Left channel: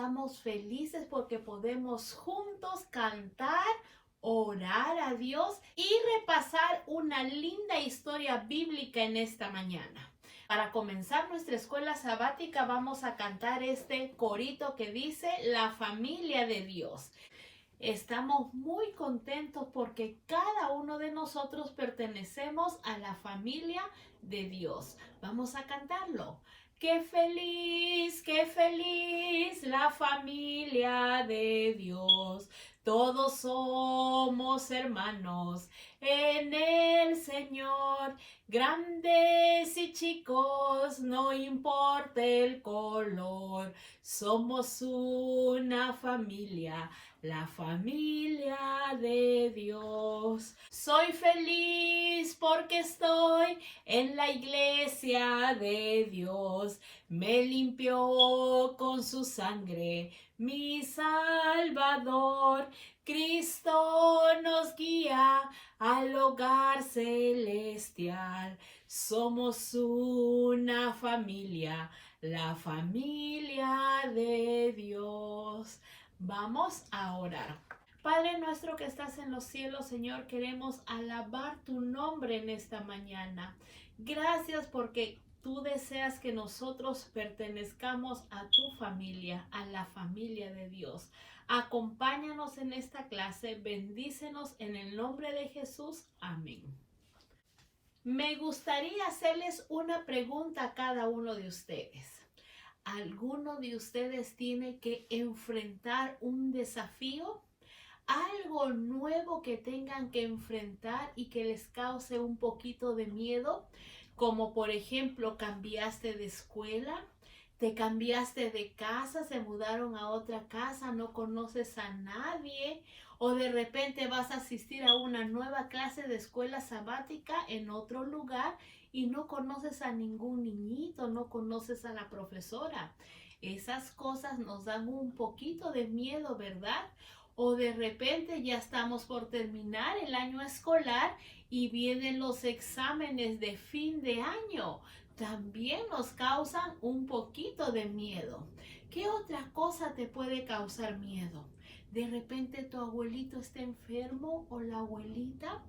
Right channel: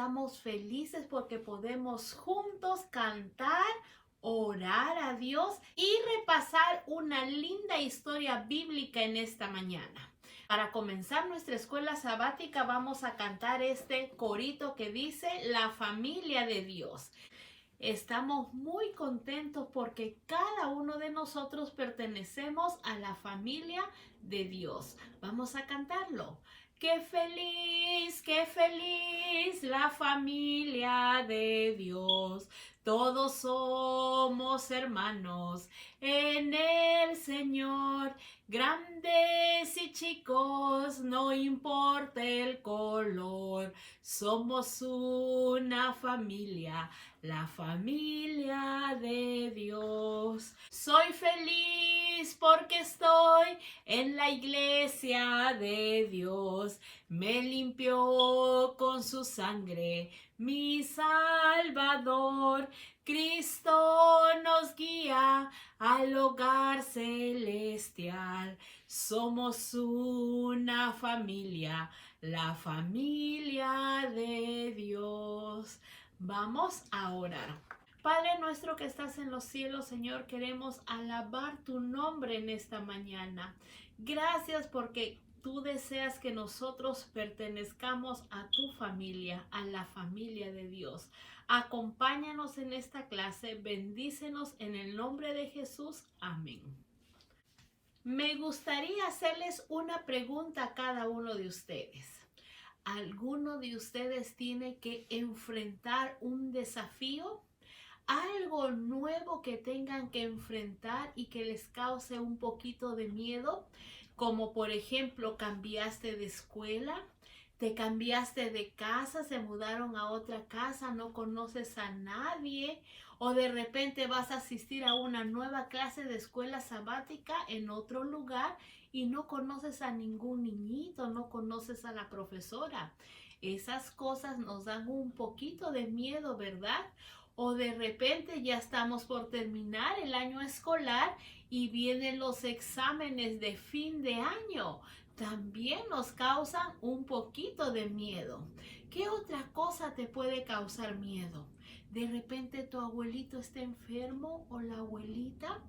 estamos felices porque podemos juntos cantar, orar a Dios y repasar una linda historia bíblica en esta mañana. Para comenzar nuestra escuela sabática vamos a cantar este corito que dice La familia de Dios. Estamos muy contentos porque cada uno de nosotros pertenecemos a la familia de Dios. Vamos a cantarlo. Qué feliz la familia de Dios. Todos somos hermanos en el Señor. Grandes y chicos, no importa el color. Somos una familia, la familia de Dios. Soy feliz porque estoy en la iglesia de Dios. Me limpió con su sangre mi Salvador. Cristo nos guía al hogar celestial. Somos una familia, la familia de Dios. Vamos a orar. Padre nuestro que estás en los cielos, Señor, queremos alabar tu nombre en esta mañana. Gracias porque tú deseas que nosotros pertenezcamos a tu familia, a la familia de Dios. Acompáñanos en esta clase, bendícenos en el nombre de Jesús. Amén. Me gustaría hacerles una pregunta a cada uno de ustedes. ¿Alguno de ustedes tiene que enfrentar un desafío? ¿Algo nuevo que tengan que enfrentar y que les cause un poquito de miedo? Como por ejemplo, cambiaste de escuela, te cambiaste de casa, se mudaron a otra casa, no conoces a nadie, o de repente vas a asistir a una nueva clase de escuela sabática en otro lugar y no conoces a ningún niñito, no conoces a la profesora. Esas cosas nos dan un poquito de miedo, ¿verdad? O de repente ya estamos por terminar el año escolar y vienen los exámenes de fin de año. También nos causan un poquito de miedo. ¿Qué otra cosa te puede causar miedo? De repente tu abuelito está enfermo o la abuelita.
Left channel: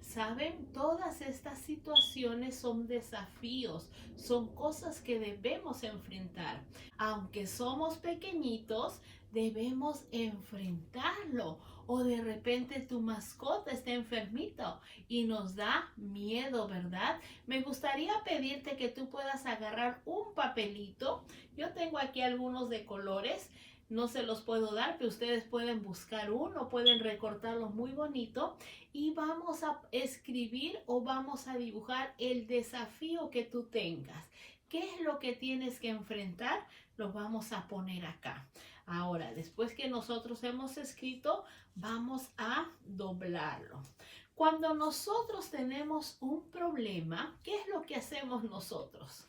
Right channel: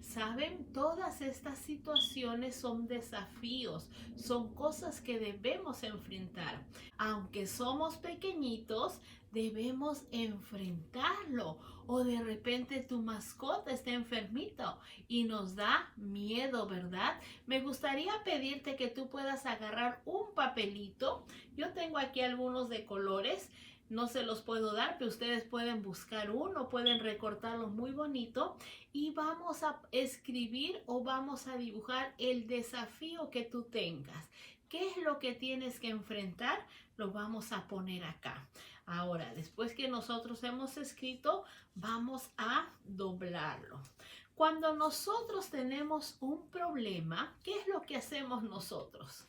¿Saben? Todas estas situaciones son desafíos, son cosas que debemos enfrentar. Aunque somos pequeñitos, debemos enfrentarlo. O de repente tu mascota está enfermito y nos da miedo, ¿verdad? Me gustaría pedirte que tú puedas agarrar un papelito. Yo tengo aquí algunos de colores. No se los puedo dar, pero ustedes pueden buscar uno, pueden recortarlo muy bonito y vamos a escribir o vamos a dibujar el desafío que tú tengas. ¿Qué es lo que tienes que enfrentar? Lo vamos a poner acá. Ahora, después que nosotros hemos escrito, vamos a doblarlo. Cuando nosotros tenemos un problema, ¿qué es lo que hacemos nosotros?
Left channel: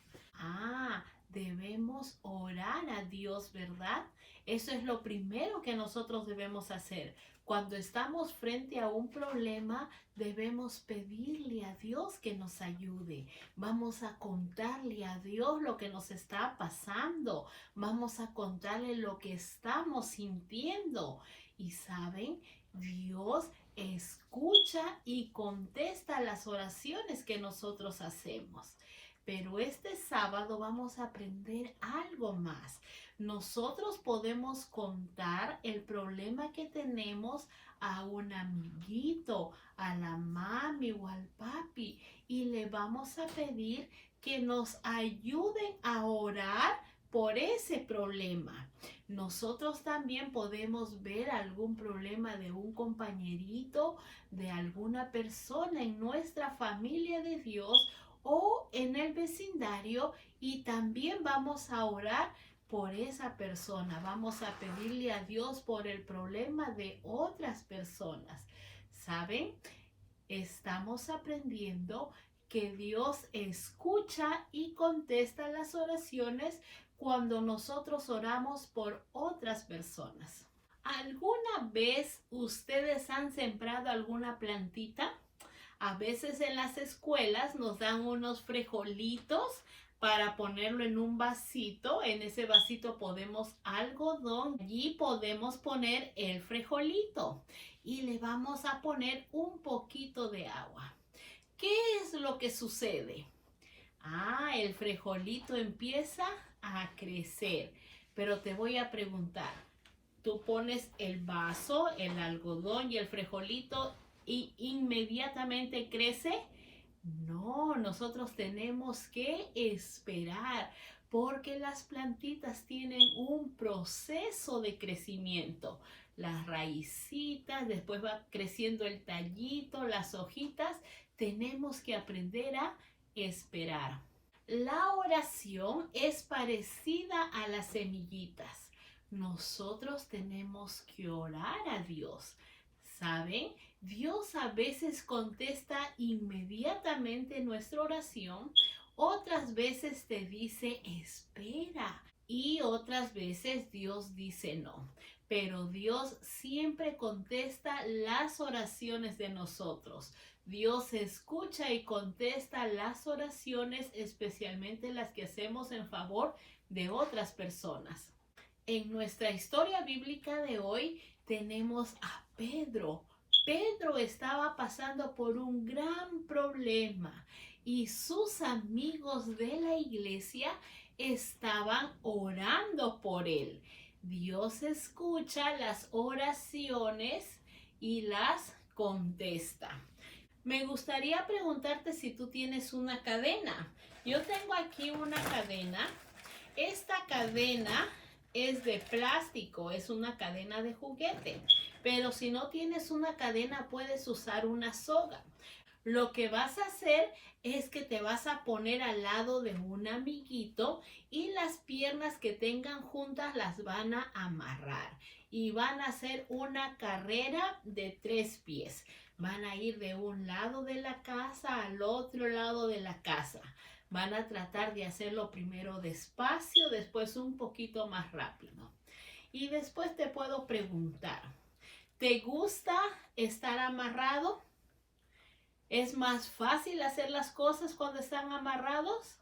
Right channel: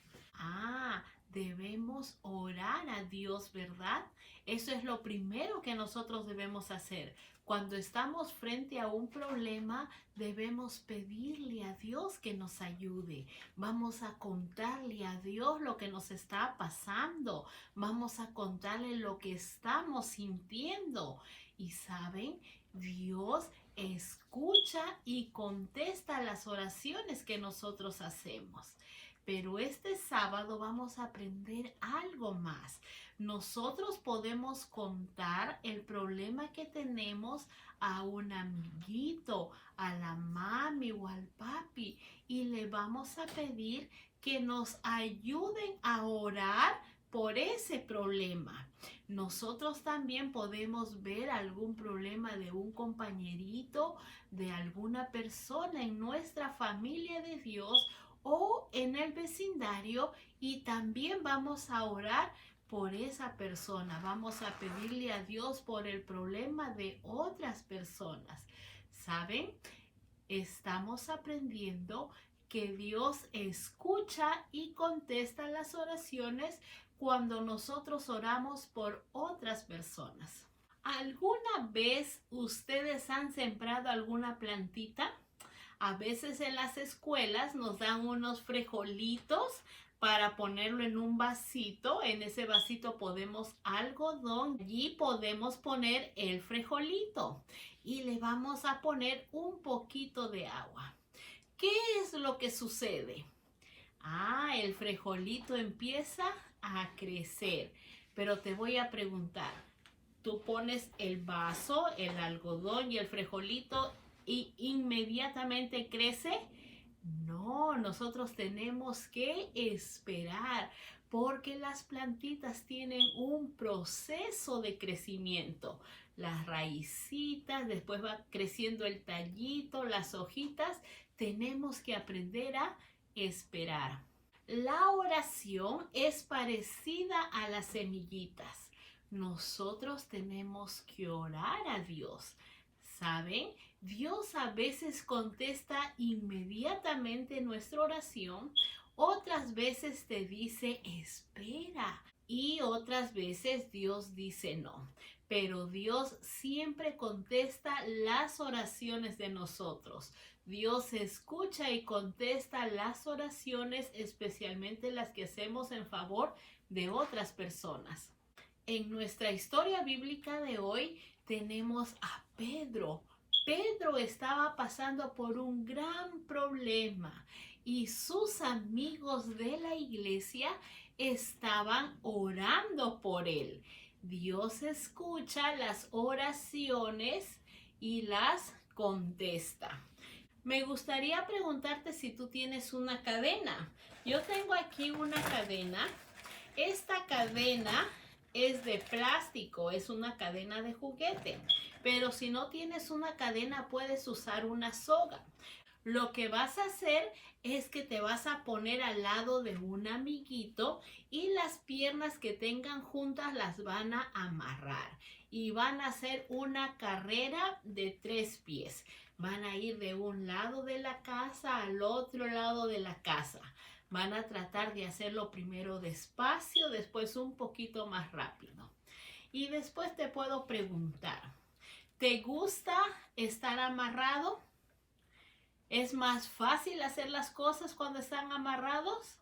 Debemos orar a Dios, ¿verdad? Eso es lo primero que nosotros debemos hacer. Cuando estamos frente a un problema, debemos pedirle a Dios que nos ayude. Vamos a contarle a Dios lo que nos está pasando. Vamos a contarle lo que estamos sintiendo. Y ¿saben? Dios escucha y contesta las oraciones que nosotros hacemos. Pero este sábado vamos a aprender algo más. Nosotros podemos contar el problema que tenemos a un amiguito, a la mami o al papi y le vamos a pedir que nos ayuden a orar por ese problema. Nosotros también podemos ver algún problema de un compañerito, de alguna persona en nuestra familia de Dios o en el vecindario y también vamos a orar por esa persona. Vamos a pedirle a Dios por el problema de otras personas. ¿Saben? Estamos aprendiendo que Dios escucha y contesta las oraciones cuando nosotros oramos por otras personas. ¿Alguna vez ustedes han sembrado alguna plantita? A veces en las escuelas nos dan unos frijolitos para ponerlo en un vasito. En ese vasito podemos algodón. Allí podemos poner el frijolito y le vamos a poner un poquito de agua. ¿Qué es lo que sucede? El frijolito empieza a crecer. Pero te voy a preguntar, ¿tú pones el vaso, el algodón y el frijolito y inmediatamente crece? No, nosotros tenemos que esperar porque las plantitas tienen un proceso de crecimiento. Las raícitas, después va creciendo el tallito, las hojitas. Tenemos que aprender a esperar. La oración es parecida a las semillitas. Nosotros tenemos que orar a Dios. ¿Saben? Dios a veces contesta inmediatamente nuestra oración, otras veces te dice espera y otras veces Dios dice no. Pero Dios siempre contesta las oraciones de nosotros. Dios escucha y contesta las oraciones, especialmente las que hacemos en favor de otras personas. En nuestra historia bíblica de hoy tenemos a Pedro. Pedro estaba pasando por un gran problema y sus amigos de la iglesia estaban orando por él. Dios escucha las oraciones y las contesta. Me gustaría preguntarte si tú tienes una cadena. Yo tengo aquí una cadena. Esta cadena es de plástico, es una cadena de juguete. Pero si no tienes una cadena, puedes usar una soga. Lo que vas a hacer es que te vas a poner al lado de un amiguito y las piernas que tengan juntas las van a amarrar. Y van a hacer una carrera de 3 pies. Van a ir de un lado de la casa al otro lado de la casa. Van a tratar de hacerlo primero despacio, después un poquito más rápido. Y después te puedo preguntar, ¿te gusta estar amarrado? ¿Es más fácil hacer las cosas cuando están amarrados?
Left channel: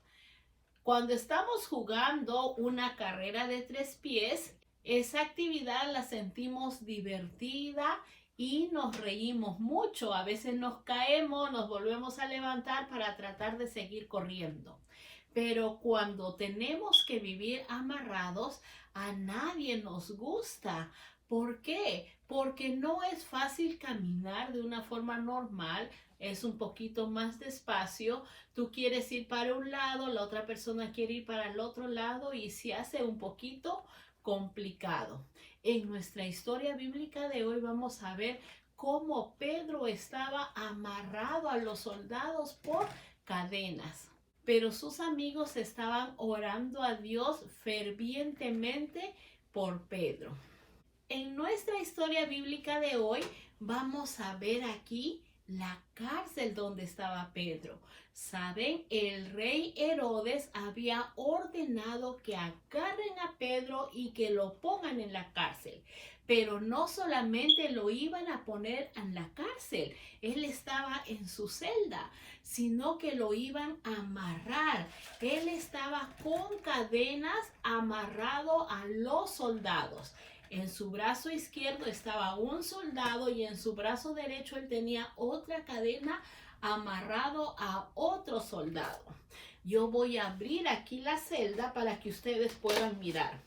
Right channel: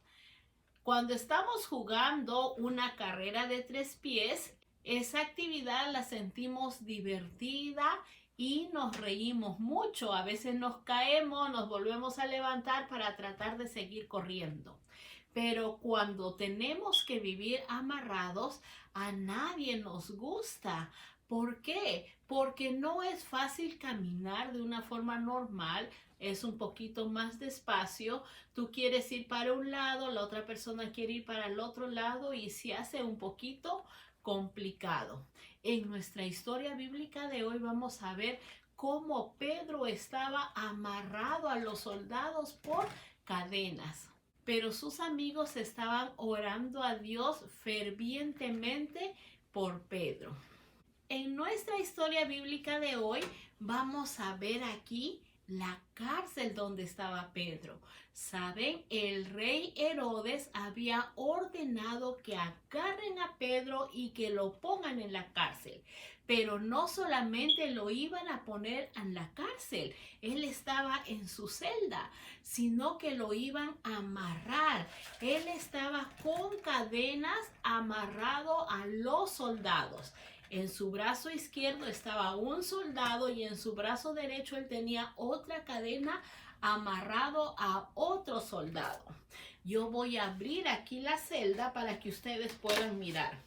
Cuando estamos jugando una carrera de 3 pies, esa actividad la sentimos divertida y nos reímos mucho. A veces nos caemos, nos volvemos a levantar para tratar de seguir corriendo. Pero cuando tenemos que vivir amarrados, a nadie nos gusta. ¿Por qué? Porque no es fácil caminar de una forma normal, es un poquito más despacio. Tú quieres ir para un lado, la otra persona quiere ir para el otro lado y se hace un poquito complicado. En nuestra historia bíblica de hoy vamos a ver cómo Pedro estaba amarrado a los soldados por cadenas. Pero sus amigos estaban orando a Dios fervientemente por Pedro. En nuestra historia bíblica de hoy vamos a ver aquí la cárcel donde estaba Pedro. ¿Saben? El rey Herodes había ordenado que agarren a Pedro y que lo pongan en la cárcel. Pero no solamente lo iban a poner en la cárcel, él estaba en su celda, sino que lo iban a amarrar. Él estaba con cadenas amarrado a los soldados. En su brazo izquierdo estaba un soldado y en su brazo derecho él tenía otra cadena amarrado a otro soldado. Yo voy a abrir aquí la celda para que ustedes puedan mirar.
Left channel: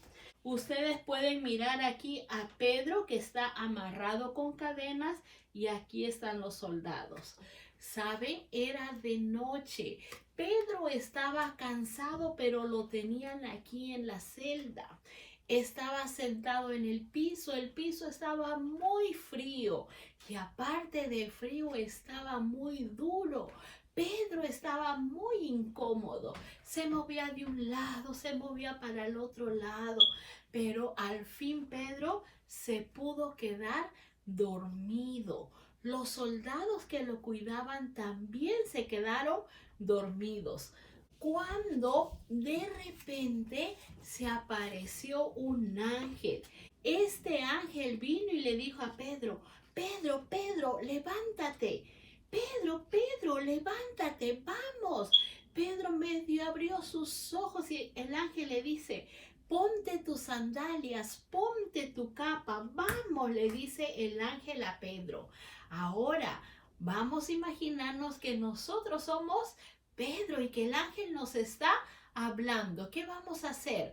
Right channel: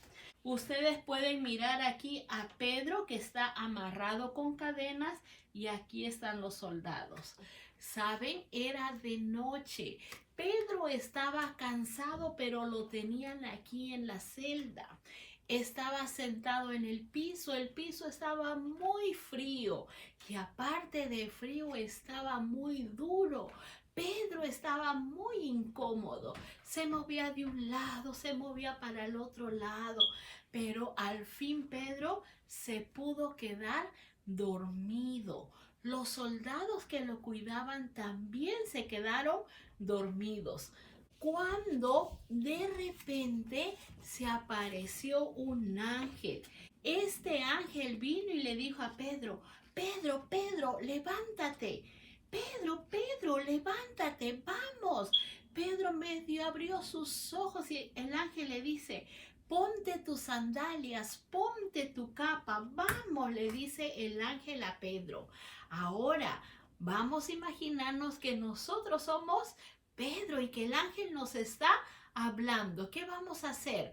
Ustedes pueden mirar aquí a Pedro que está amarrado con cadenas y aquí están los soldados. ¿Saben? Era de noche. Pedro estaba cansado, pero lo tenían aquí en la celda. Estaba sentado en el piso estaba muy frío y aparte de frío estaba muy duro. Pedro estaba muy incómodo, se movía de un lado, se movía para el otro lado, pero al fin Pedro se pudo quedar dormido. Los soldados que lo cuidaban también se quedaron dormidos. Cuando de repente se apareció un ángel. Este ángel vino y le dijo a Pedro, Pedro, Pedro, levántate. Pedro, Pedro, levántate, vamos. Pedro medio abrió sus ojos y el ángel le dice, ponte tus sandalias, ponte tu capa. Vamos, le dice el ángel a Pedro. Ahora, vamos a imaginarnos que nosotros somos Pedro y que el ángel nos está hablando. ¿Qué vamos a hacer?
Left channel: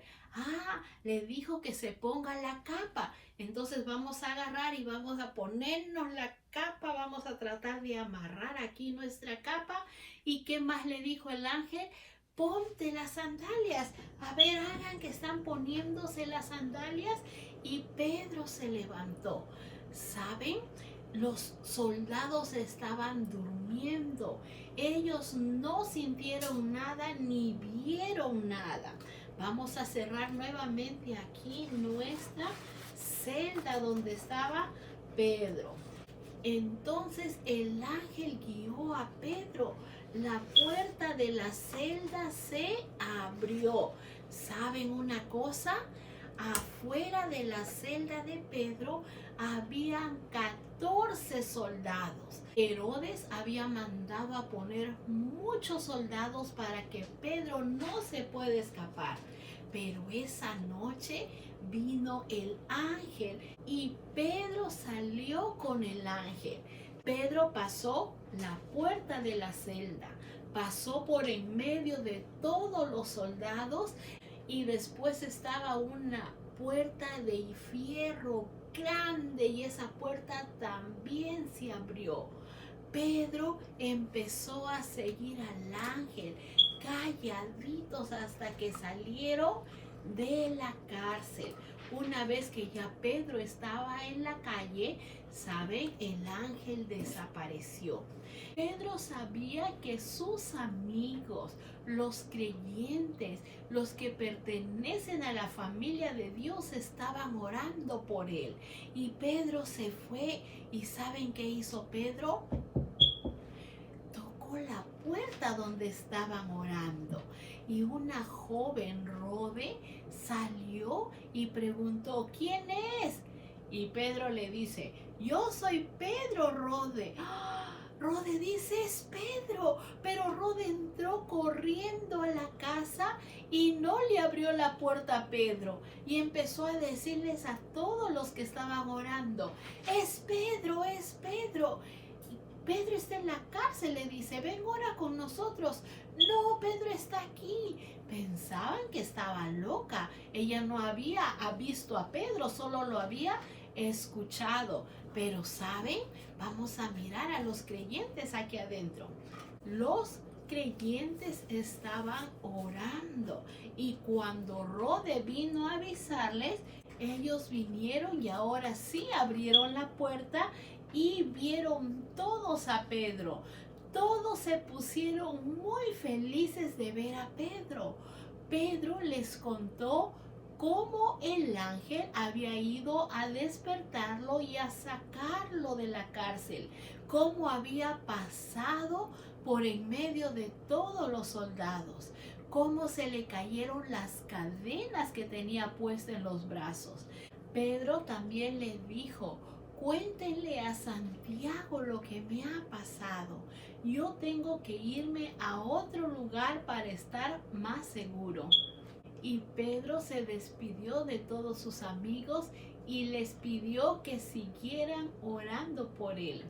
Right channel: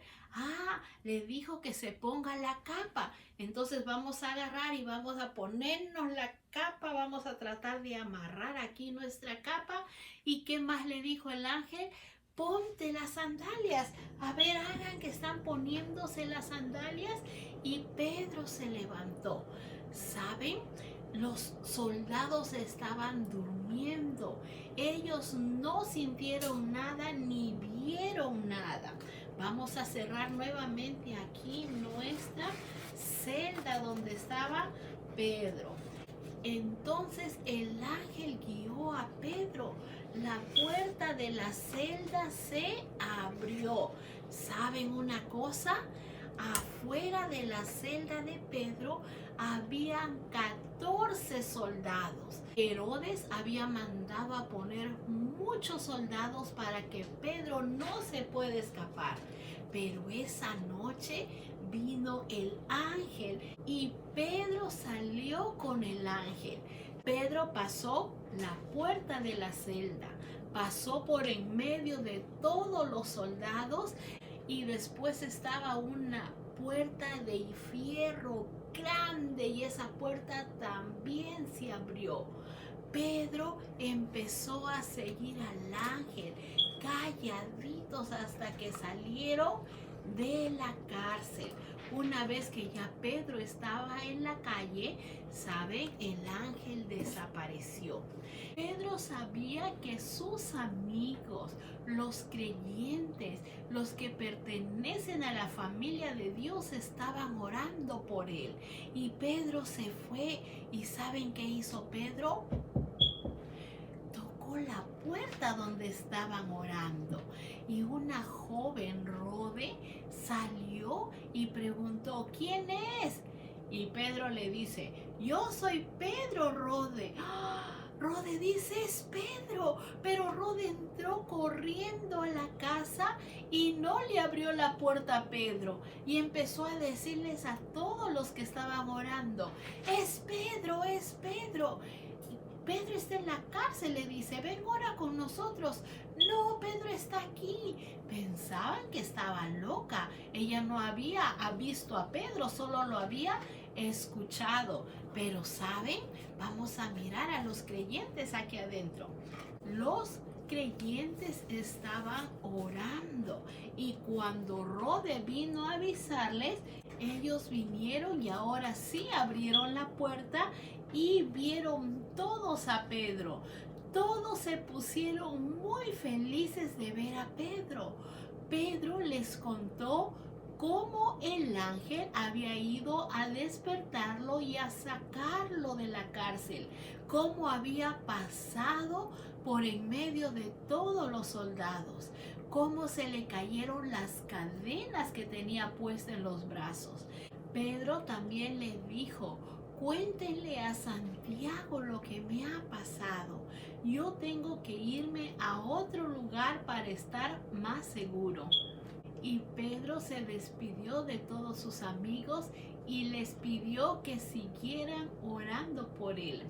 Le dijo que se ponga la capa. Entonces vamos a agarrar y vamos a ponernos la capa. Vamos a tratar de amarrar aquí nuestra capa. ¿Y qué más le dijo el ángel? Ponte las sandalias. A ver, hagan que están poniéndose las sandalias. Y Pedro se levantó. ¿Saben? Los soldados estaban durmiendo. Ellos no sintieron nada ni vieron nada. Vamos a cerrar nuevamente aquí nuestra celda donde estaba Pedro. Entonces el ángel guió a Pedro. La puerta de la celda se abrió. ¿Saben una cosa? Afuera de la celda de Pedro habían 14 soldados. Herodes había mandado a poner muchos soldados para que Pedro no se pueda escapar. Pero esa noche vino el ángel y Pedro salió con el ángel. Pedro pasó la puerta de la celda, pasó por en medio de todos los soldados y después estaba una puerta de fierro grande y esa puerta también se abrió. Pedro empezó a seguir al ángel calladitos hasta que salieron de la cárcel. Una vez que ya Pedro estaba en la calle, ¿saben? El ángel desapareció. Pedro sabía que sus amigos, los creyentes, los que pertenecen a la familia de Dios, estaban orando por él. Y Pedro se fue. ¿Y saben qué hizo Pedro? Tocó la puerta donde estaban orando. Y una joven, Rode, salió y preguntó, ¿quién es? Y Pedro le dice, yo soy Pedro, Rode. Rode dice, es Pedro. Pero Rode entró corriendo a la casa y no le abrió la puerta a Pedro. Y empezó a decirles a todos los que estaban orando, es Pedro, es Pedro. Pedro está en la cárcel, le dice, ven, ora con nosotros. No, Pedro está aquí. Pensaban que estaba loca. Ella no había visto a Pedro, solo lo había escuchado. Pero ¿saben? Vamos a mirar a los creyentes aquí adentro. Los creyentes estaban orando y cuando Rode vino a avisarles, ellos vinieron y ahora sí abrieron la puerta y vieron todos a Pedro. Todos se pusieron muy felices de ver a Pedro. Pedro les contó cómo el ángel había ido a despertarlo y a sacarlo de la cárcel, cómo había pasado por en medio de todos los soldados, cómo se le cayeron las cadenas que tenía puestas en los brazos. Pedro también le dijo, cuéntenle a Santiago lo que me ha pasado. Yo tengo que irme a otro lugar para estar más seguro. Y Pedro se despidió de todos sus amigos y les pidió que siguieran orando por él.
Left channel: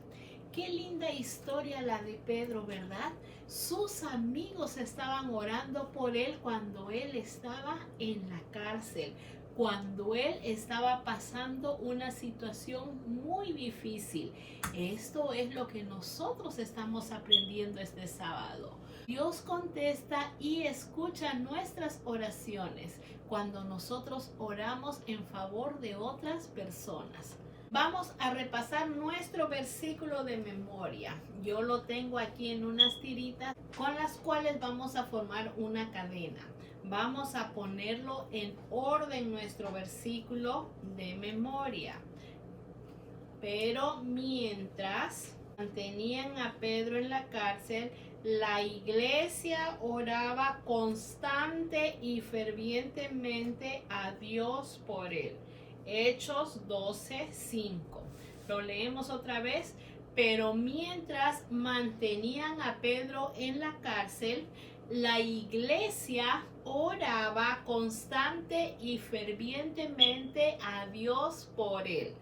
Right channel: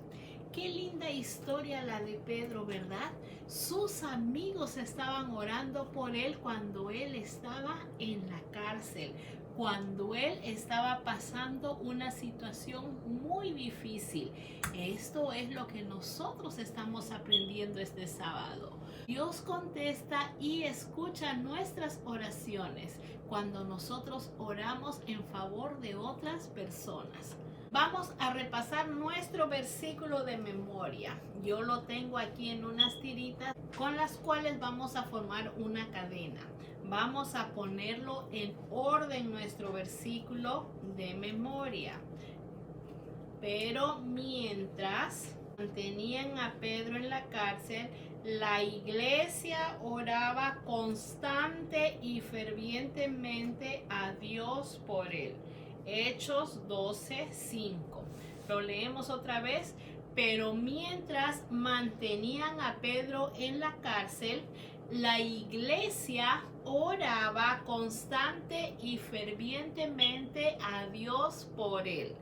Qué linda historia la de Pedro, ¿verdad? Sus amigos estaban orando por él cuando él estaba en la cárcel, cuando él estaba pasando una situación muy difícil. Esto es lo que nosotros estamos aprendiendo este sábado. Dios contesta y escucha nuestras oraciones cuando nosotros oramos en favor de otras personas. Vamos a repasar nuestro versículo de memoria. Yo lo tengo aquí en unas tiritas con las cuales vamos a formar una cadena. Vamos a ponerlo en orden nuestro versículo de memoria. Pero mientras mantenían a Pedro en la cárcel, la iglesia oraba constante y fervientemente a Dios por él. Hechos 12:5. Lo leemos otra vez. Pero mientras mantenían a Pedro en la cárcel, La iglesia oraba constante y fervientemente a Dios por él.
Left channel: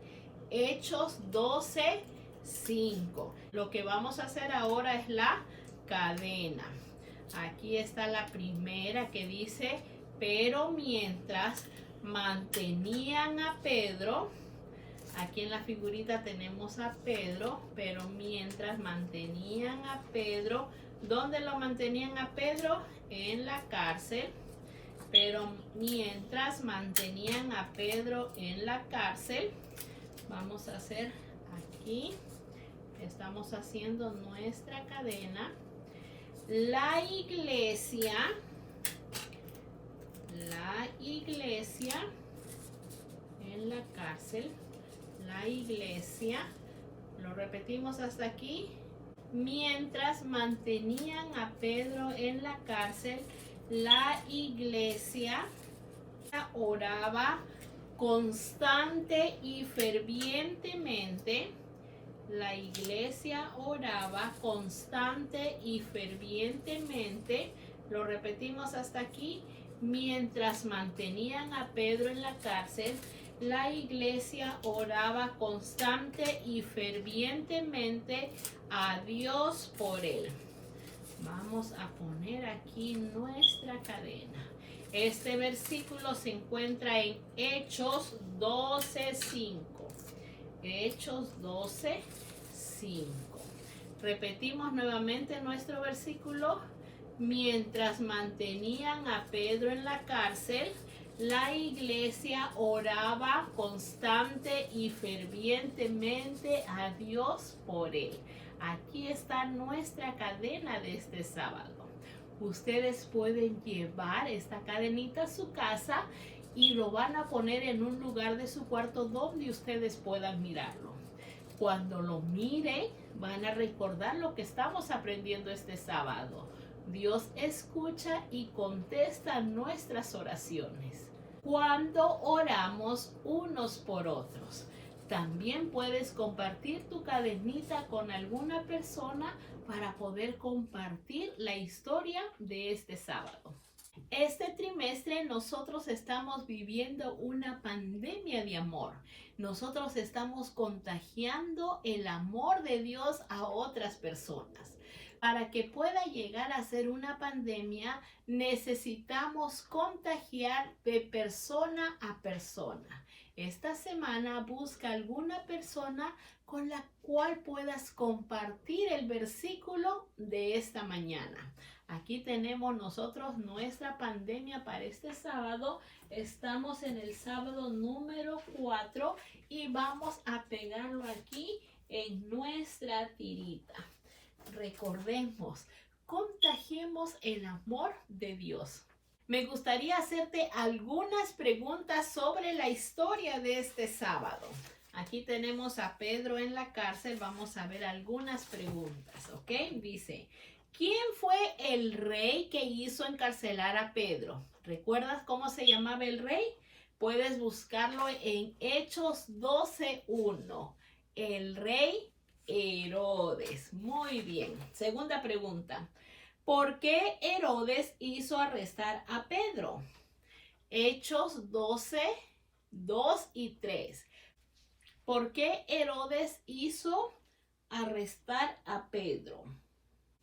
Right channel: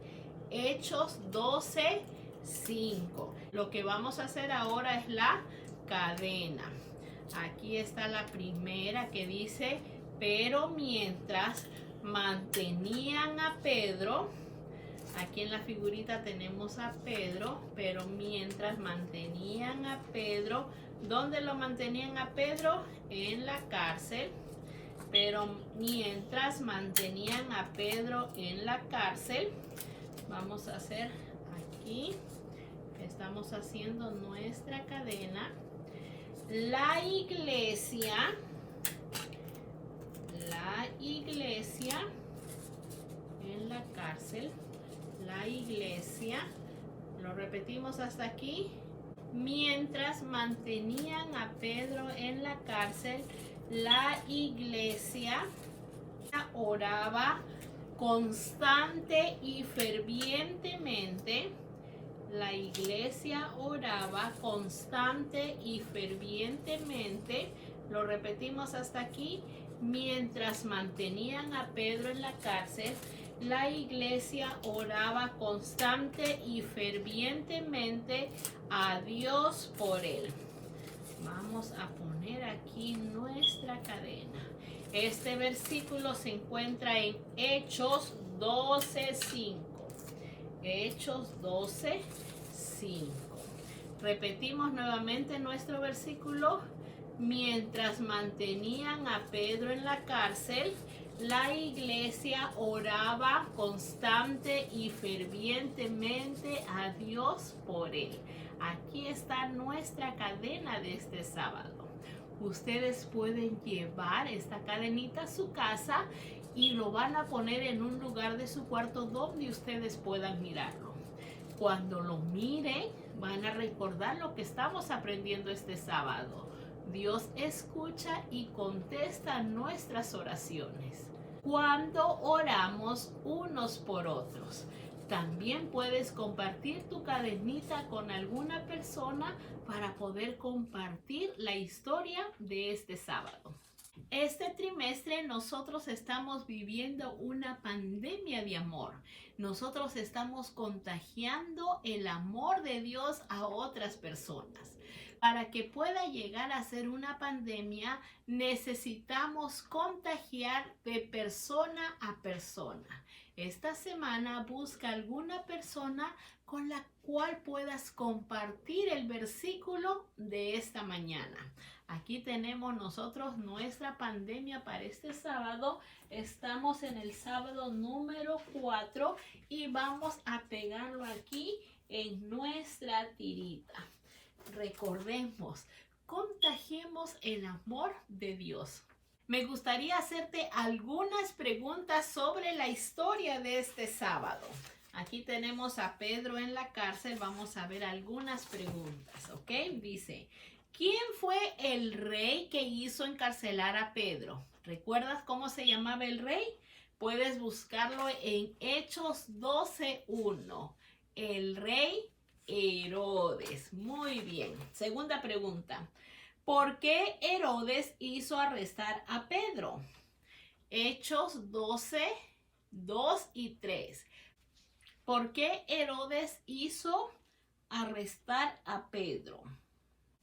Hechos 12:5. Lo que vamos a hacer ahora es la cadena. Aquí está la primera que dice, pero mientras mantenían a Pedro, aquí en la figurita tenemos a Pedro, pero mientras mantenían a Pedro, ¿dónde lo mantenían a Pedro? En la cárcel. Pero mientras mantenían a Pedro en la cárcel, vamos a hacer aquí, estamos haciendo nuestra cadena. La iglesia en la cárcel, la iglesia, lo repetimos hasta aquí. Mientras mantenían a Pedro en la cárcel, la iglesia oraba constante y fervientemente. La iglesia oraba constante y fervientemente. Lo repetimos hasta aquí. Mientras mantenían a Pedro en la cárcel, la iglesia oraba constante y fervientemente a Dios por él. Vamos a poner aquí nuestra cadena. Este versículo se encuentra en Hechos 12:5. Hechos 12:5. Repetimos nuevamente nuestro versículo. Mientras mantenían a Pedro en la cárcel, la iglesia oraba constante y fervientemente a Dios por él. Aquí está nuestra cadena de este sábado. Ustedes pueden llevar esta cadenita a su casa y lo van a poner en un lugar de su cuarto donde ustedes puedan mirarlo. Cuando lo miren, van a recordar lo que estamos aprendiendo este sábado. Dios escucha y contesta nuestras oraciones. Cuando oramos unos por otros, también puedes compartir tu cadenita con alguna persona para poder compartir la historia de este sábado. Este trimestre nosotros estamos viviendo una pandemia de amor. Nosotros estamos contagiando el amor de Dios a otras personas. Para que pueda llegar a ser una pandemia, necesitamos contagiar de persona a persona. Esta semana busca alguna persona con la cual puedas compartir el versículo de esta mañana. Aquí tenemos nosotros nuestra pandemia para este sábado. Estamos en el sábado número 4 y vamos a pegarlo aquí en nuestra tirita. Recordemos, contagiemos el amor de Dios. Me gustaría hacerte algunas preguntas sobre la historia de este sábado. Aquí tenemos a Pedro en la cárcel. Vamos a ver algunas preguntas, ¿ok? Dice, ¿quién fue el rey que hizo encarcelar a Pedro? ¿Recuerdas cómo se llamaba el rey? Puedes buscarlo en Hechos 12:1. El rey Herodes. Muy bien. Segunda pregunta. ¿Por qué Herodes hizo arrestar a Pedro? Hechos 12:2 y 3. ¿Por qué Herodes hizo arrestar a Pedro?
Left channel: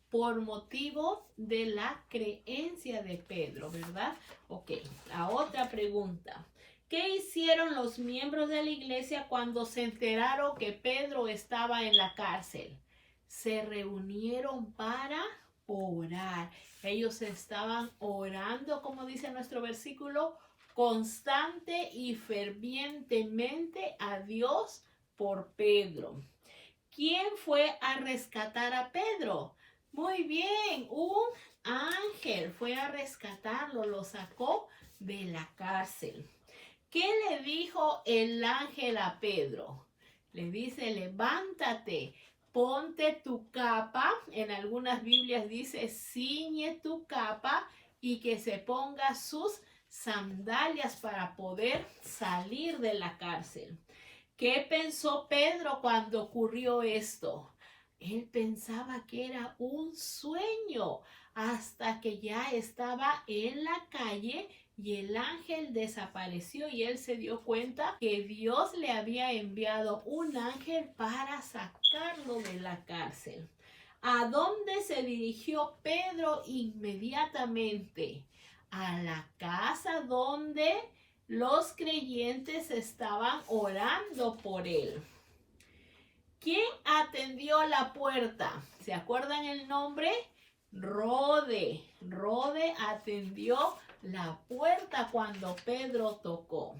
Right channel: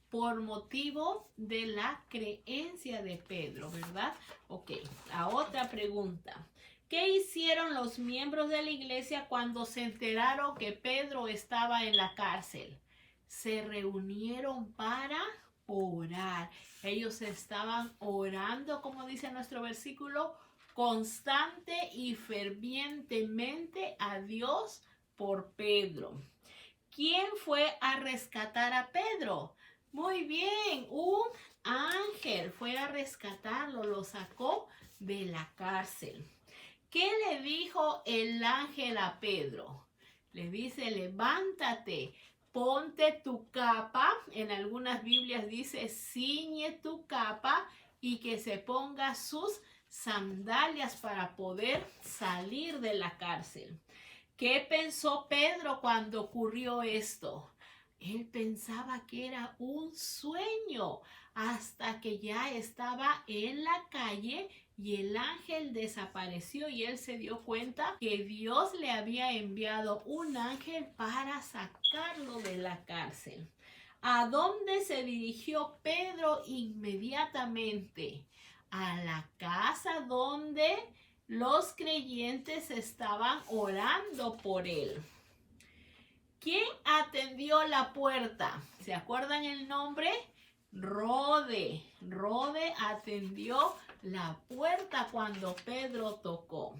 Por motivo de la creencia de Pedro, ¿verdad? Ok, la otra pregunta. ¿Qué hicieron los miembros de la iglesia cuando se enteraron que Pedro estaba en la cárcel? Se reunieron para orar. Ellos estaban orando, como dice nuestro versículo, constante y fervientemente a Dios por Pedro. ¿Quién fue a rescatar a Pedro? Muy bien, un ángel fue a rescatarlo, lo sacó de la cárcel. ¿Qué le dijo el ángel a Pedro? Le dice, levántate, ponte tu capa. En algunas Biblias dice, ciñe tu capa y que se ponga sus sandalias para poder salir de la cárcel. ¿Qué pensó Pedro cuando ocurrió esto? Él pensaba que era un sueño hasta que ya estaba en la calle y el ángel desapareció y él se dio cuenta que Dios le había enviado un ángel para sacarlo de la cárcel. ¿A dónde se dirigió Pedro inmediatamente? A la casa donde los creyentes estaban orando por él. ¿Quién atendió la puerta? ¿Se acuerdan el nombre? Rode. Rode atendió la puerta cuando Pedro tocó.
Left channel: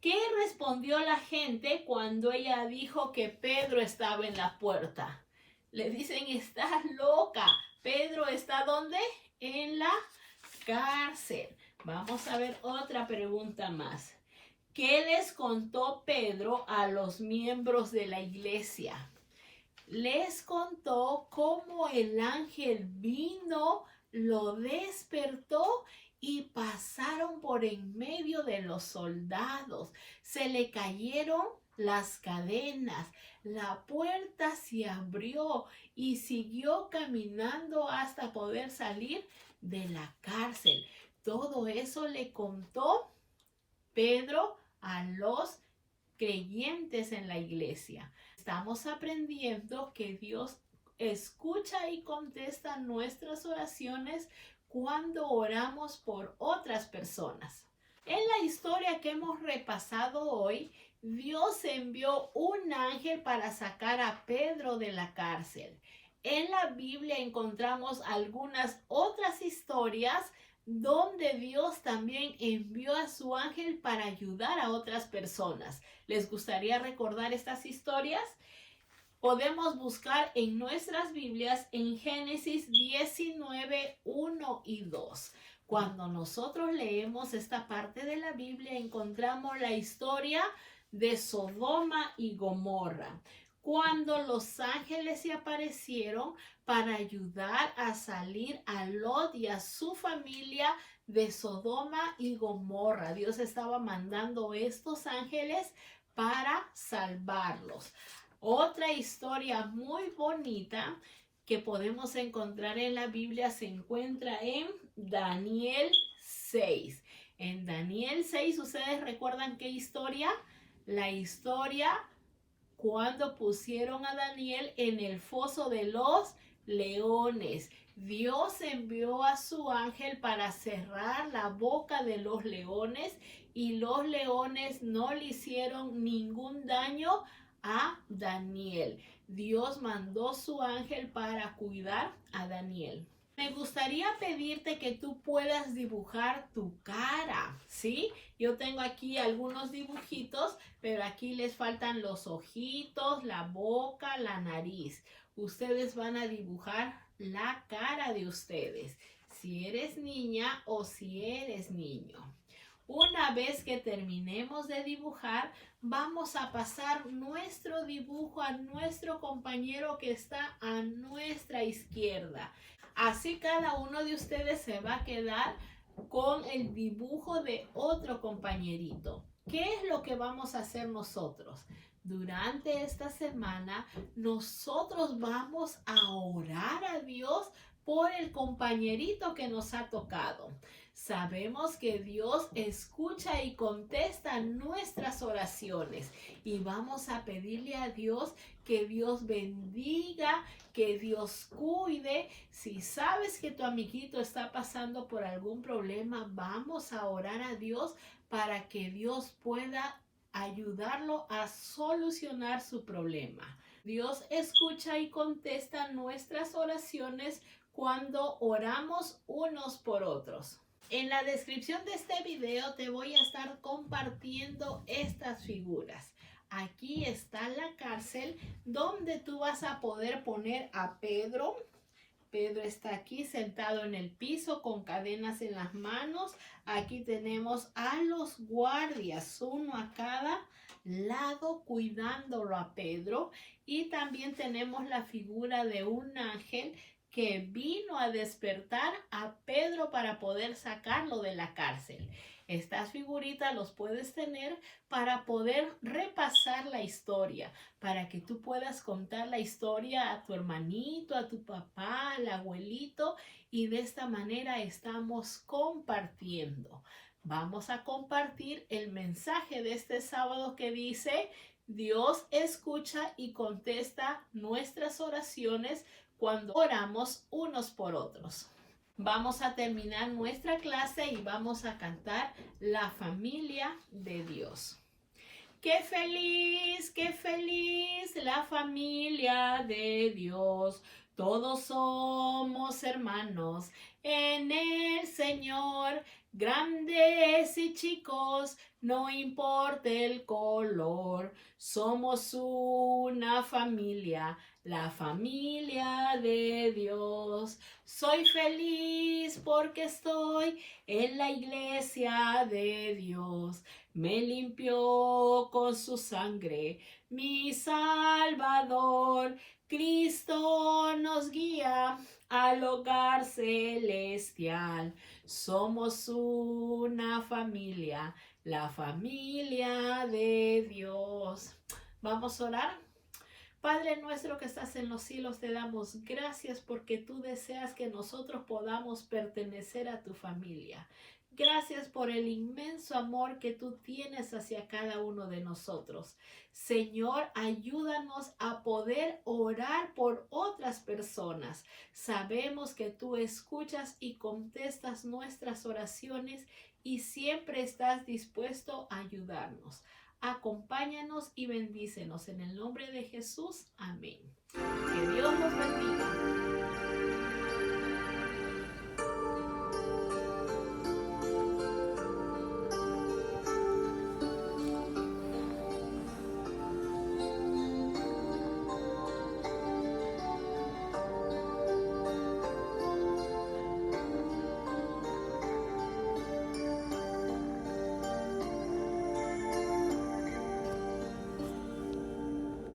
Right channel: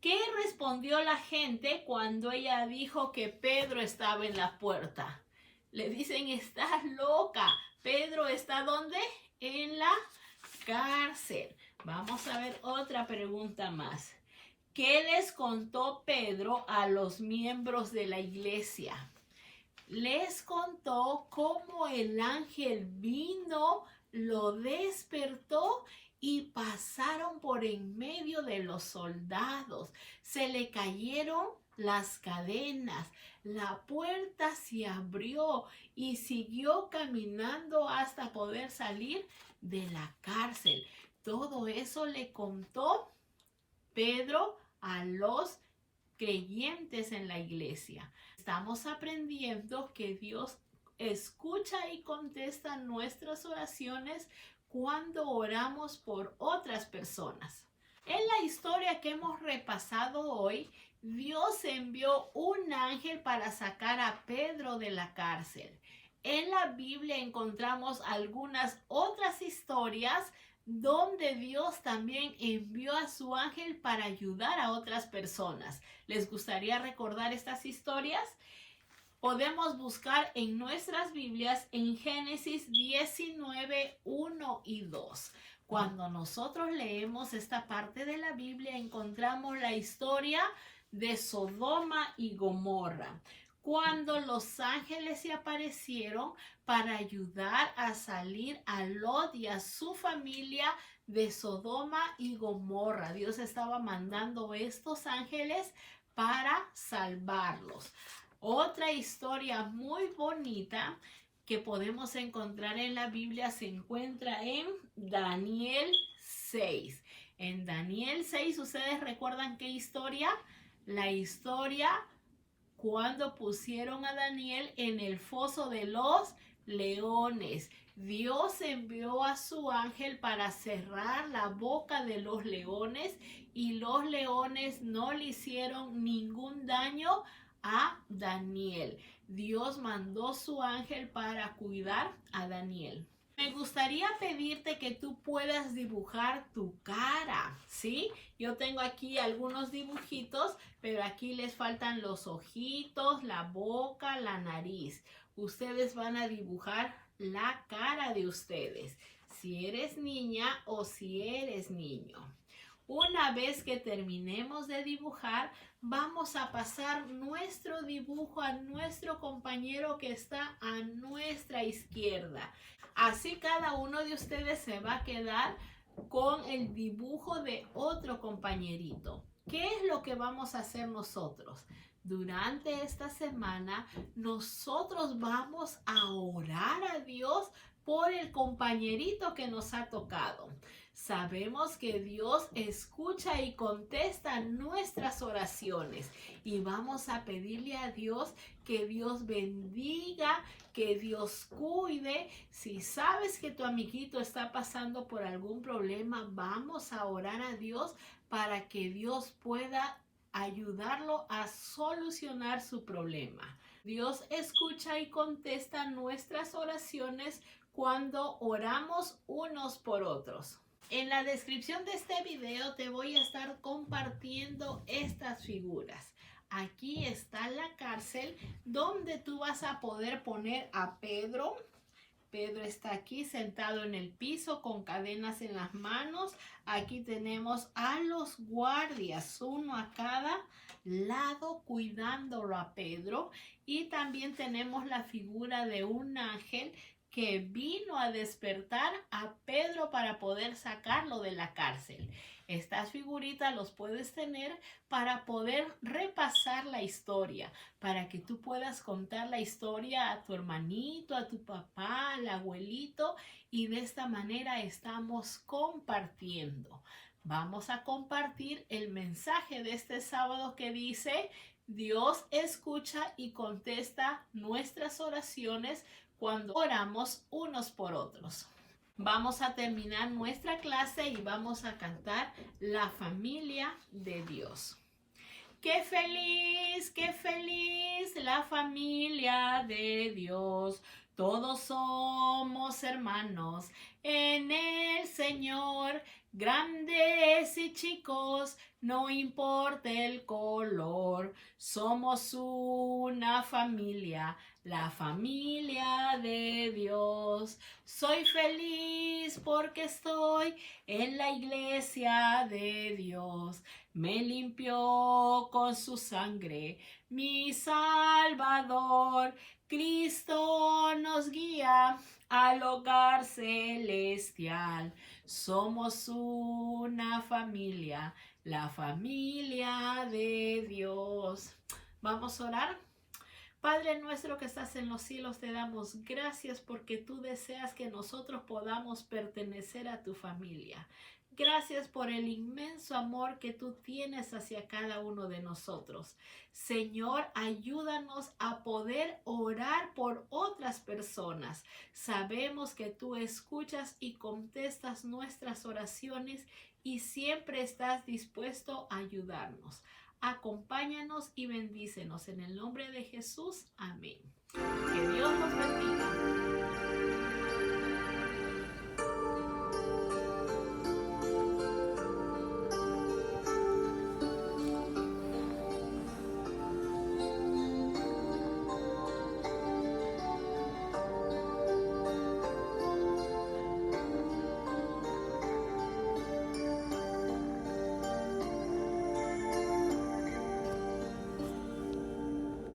¿Qué respondió la gente cuando ella dijo que Pedro estaba en la puerta? Le dicen, estás loca. ¿Pedro está dónde? En la cárcel. Vamos a ver otra pregunta más. ¿Qué les contó Pedro a los miembros de la iglesia? Les contó cómo el ángel vino, lo despertó y pasaron por en medio de los soldados. Se le cayeron las cadenas, la puerta se abrió y siguió caminando hasta poder salir de la cárcel. Todo eso le contó Pedro a los creyentes en la iglesia. Estamos aprendiendo que Dios escucha y contesta nuestras oraciones cuando oramos por otras personas. En la historia que hemos repasado hoy, Dios envió un ángel para sacar a Pedro de la cárcel. En la Biblia encontramos algunas otras historias donde Dios también envió a su ángel para ayudar a otras personas. ¿Les gustaría recordar estas historias? Podemos buscar en nuestras Biblias en Génesis 19, 1 y 2. Cuando nosotros leemos esta parte de la Biblia, encontramos la historia de Sodoma y Gomorra, cuando los ángeles se aparecieron para ayudar a salir a Lot y a su familia de Sodoma y Gomorra. Dios estaba mandando estos ángeles para salvarlos. Otra historia muy bonita que podemos encontrar en la Biblia se encuentra en Daniel 6. En Daniel 6, ¿ustedes recuerdan qué historia? La historia cuando pusieron a Daniel en el foso de los leones. Dios envió a su ángel para cerrar la boca de los leones y los leones no le hicieron ningún daño a Daniel. Dios mandó su ángel para cuidar a Daniel. Me gustaría pedirte que tú puedas dibujar tu cara, ¿sí? Yo tengo aquí algunos dibujitos, pero aquí les faltan los ojitos, la boca, la nariz. Ustedes van a dibujar la cara de ustedes, si eres niña o si eres niño. Una vez que terminemos de dibujar, vamos a pasar nuestro dibujo a nuestro compañero que está a nuestra izquierda. Así cada uno de ustedes se va a quedar con el dibujo de otro compañerito. ¿Qué es lo que vamos a hacer nosotros? Durante esta semana, nosotros vamos a orar a Dios por el compañerito que nos ha tocado. Sabemos que Dios escucha y contesta nuestras oraciones y vamos a pedirle a Dios que Dios bendiga, que Dios cuide. Si sabes que tu amiguito está pasando por algún problema, vamos a orar a Dios para que Dios pueda ayudarlo a solucionar su problema. Dios escucha y contesta nuestras oraciones cuando oramos unos por otros. En la descripción de este video te voy a estar compartiendo estas figuras. Aquí está la cárcel donde tú vas a poder poner a Pedro. Pedro está aquí sentado en el piso con cadenas en las manos. Aquí tenemos a los guardias, uno a cada lado cuidándolo a Pedro. Y también tenemos la figura de un ángel que vino a despertar a Pedro para poder sacarlo de la cárcel. Estas figuritas los puedes tener para poder repasar la historia, para que tú puedas contar la historia a tu hermanito, a tu papá, al abuelito, y de esta manera estamos compartiendo. Vamos a compartir el mensaje de este sábado que dice: Dios escucha y contesta nuestras oraciones cuando oramos unos por otros. Vamos a terminar nuestra clase y vamos a cantar La familia de Dios. Qué feliz la familia de Dios. Todos somos hermanos en el Señor, grandes y chicos, no importa el color. Somos una familia, la familia de Dios. Soy feliz porque estoy en la iglesia de Dios. Me limpió con su sangre, mi Salvador. Cristo nos guía al hogar celestial. Somos una familia, la familia de Dios. Vamos a orar. Padre nuestro que estás en los cielos, te damos gracias porque tú deseas que nosotros podamos pertenecer a tu familia. Gracias por el inmenso amor que tú tienes hacia cada uno de nosotros. Señor, ayúdanos a poder orar por otras personas. Sabemos que tú escuchas y contestas nuestras oraciones y siempre estás dispuesto a ayudarnos. Acompáñanos y bendícenos en el nombre de Jesús. Amén. Que Dios los bendiga.